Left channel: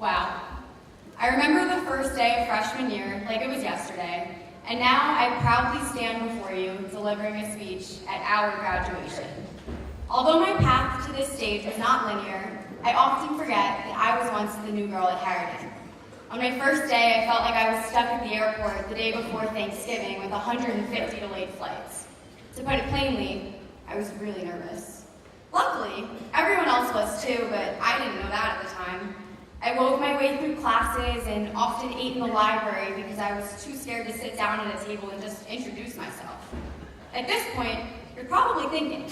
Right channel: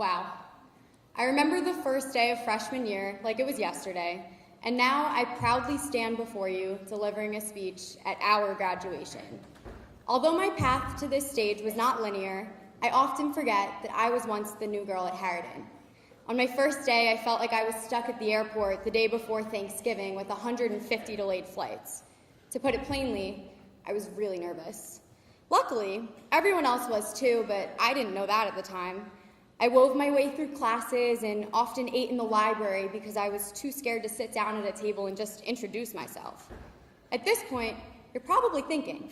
Wow. I remember the first day of freshman year like it was yesterday, and now I proudly stand before you delivering a speech at our graduation. Although my path to this stage was not linear, I often forget that I was once the new girl at Harriton. On my first day, I felt like I was stuck at the airport the day before Thanksgiving with 150 delayed flights. To put it plainly, I was really nervous. Luckily, everyone else was too, but I didn't know that at the time. I wove my way through classes and often ate in the library because I was too scared to sit down at a table and just introduce myself. At this point, you're probably thinking,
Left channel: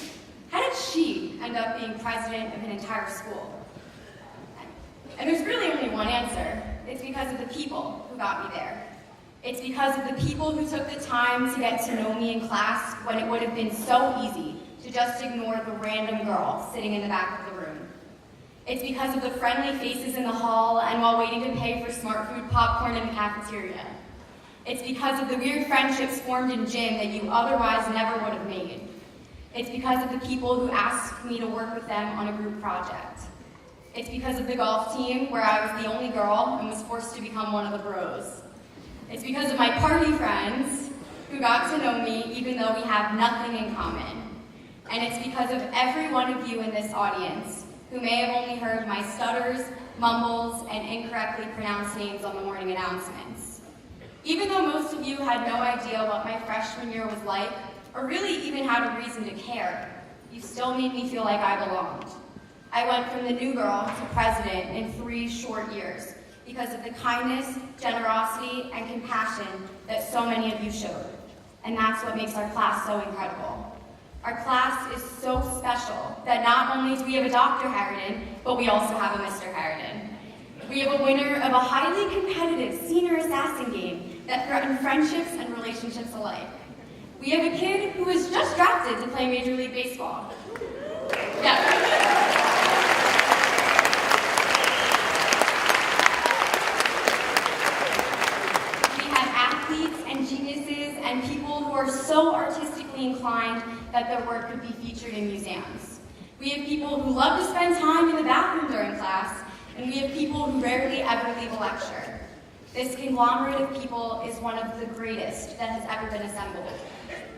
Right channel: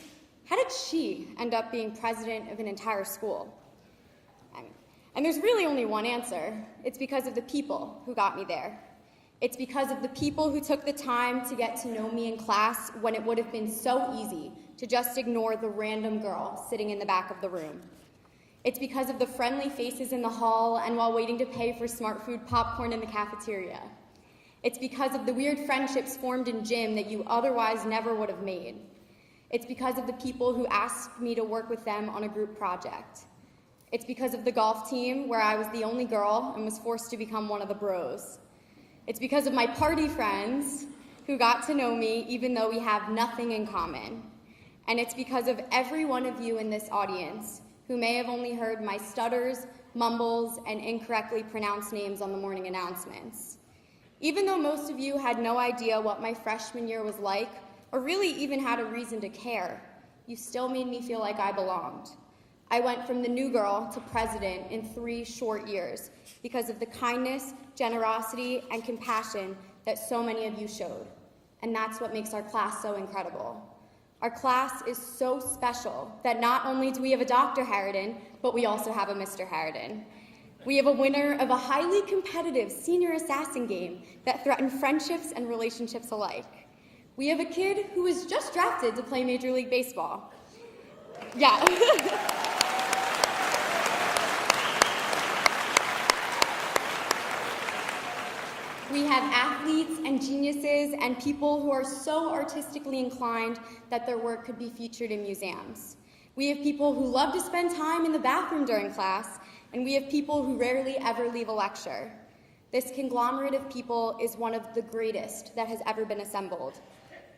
how did she end up being president of an entire school? And there's really only one answer. It's because of the people who got me there. It's because of the people who took the time to get to know me in class when it would have been so easy to just ignore the random girl sitting in the back of the room. It's because of the friendly faces in the hall and while waiting to pay for smart food popcorn in the cafeteria. It's because of the weird friendships formed in gym that you otherwise never would have made. It's because of the people who asked me to work with them on a group project. It's because of the golf team where I was the only girl and was forced to become one of the bros. It's because of my party friends who got to know me even though we have nothing in common. And it's because of every one of you in this audience who may have only heard my stutters, mumbles, and incorrectly pronounced names on the morning announcements. Even though most of you had no idea what my freshman year was like, or really even had a reason to care, you still made me feel like I belonged. I went from the new girl to president in 3 short years because of the kindness, generosity, and compassion that so many of you showed. And that's what makes our class so incredible. Our class is so special that not only do we have a Dr. Harriton, but we also have a Mr. Harriton. We have a winner of a highly competitive senior assassin game that threatened friendships and relationships alike. We have a kid who was just drafted to play Major League Baseball. Yeah. We have athletes and geniuses and people who are so artistically inclined that their work could be featured in museums. We have people who love to spend time in the bathroom during class, and we have people who rarely ever leave a lecture. This conglomerate of people is one of the greatest that has ever been assembled.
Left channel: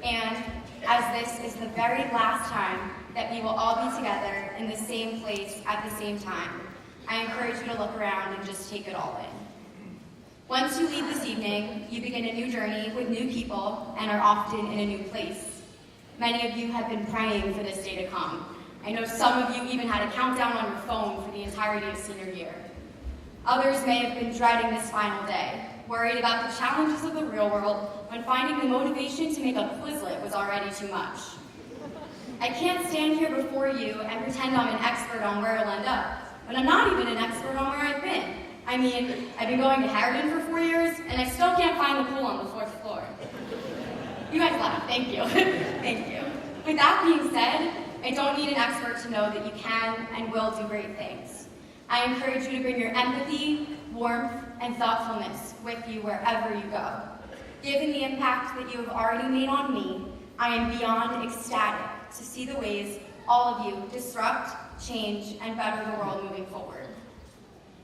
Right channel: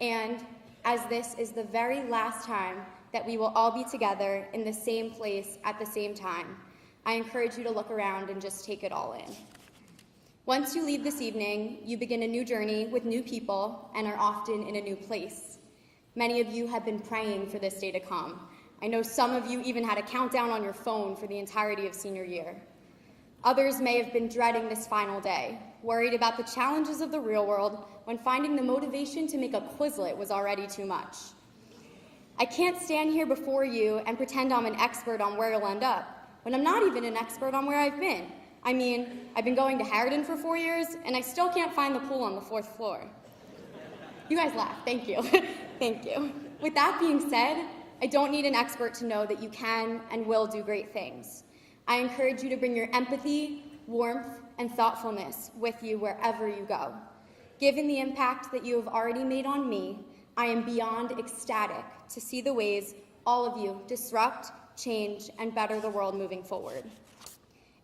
And as this is the very last time that we will all be together in the same place at the same time, I encourage you to look around and just take it all in. Once you leave this evening, you begin a new journey with new people and are often in a new place. Many of you have been praying for this day to come. I know some of you even had a countdown on your phone for the entirety of senior year. Others may have been dreading this final day, worried about the challenges of the real world when finding the motivation to make a Quizlet was already too much. I can't stand here before you and pretend I'm an expert on where I'll end up, when I'm not even an expert on where I've been. I mean, I've been going to Harriton for 4 years, and I still can't find the pool on the 4th floor. You guys laugh, thank you. Thank you. With that being said, I don't need an expert to know that you can and will do great things. I encourage you to bring your empathy, warmth, and thoughtfulness with you wherever you go. Given the impact that you have already made on me, I am beyond ecstatic to see the ways all of you disrupt, change, and better the world moving forward.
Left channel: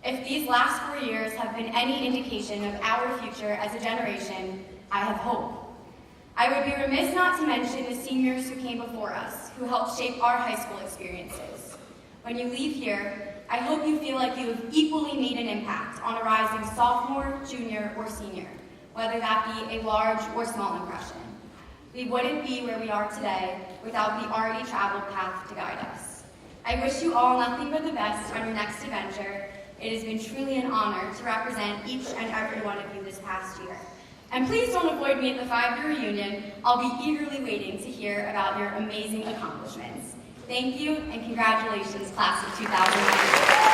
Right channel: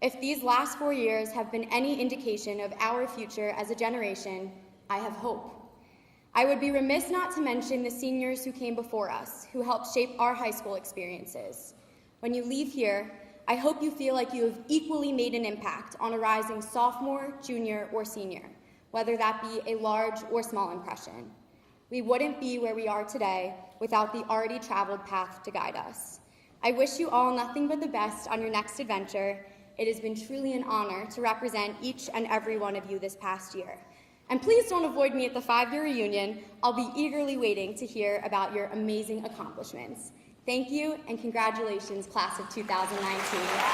If these last 4 years have been any indication of our future as a generation, I have hope. I would be remiss not to mention the seniors who came before us, who helped shape our high school experiences. When you leave here, I hope you feel like you have equally made an impact on a rising sophomore, junior, or senior, whether that be a large or small impression. We wouldn't be where we are today without the already traveled path to guide us. I wish you all nothing but the best on your next adventure. It has been truly an honor to represent each and every one of you this past year. And please don't avoid me at the 5-year reunion. I'll be eagerly waiting to hear about your amazing accomplishments. Thank you, and congratulations, class of 2019.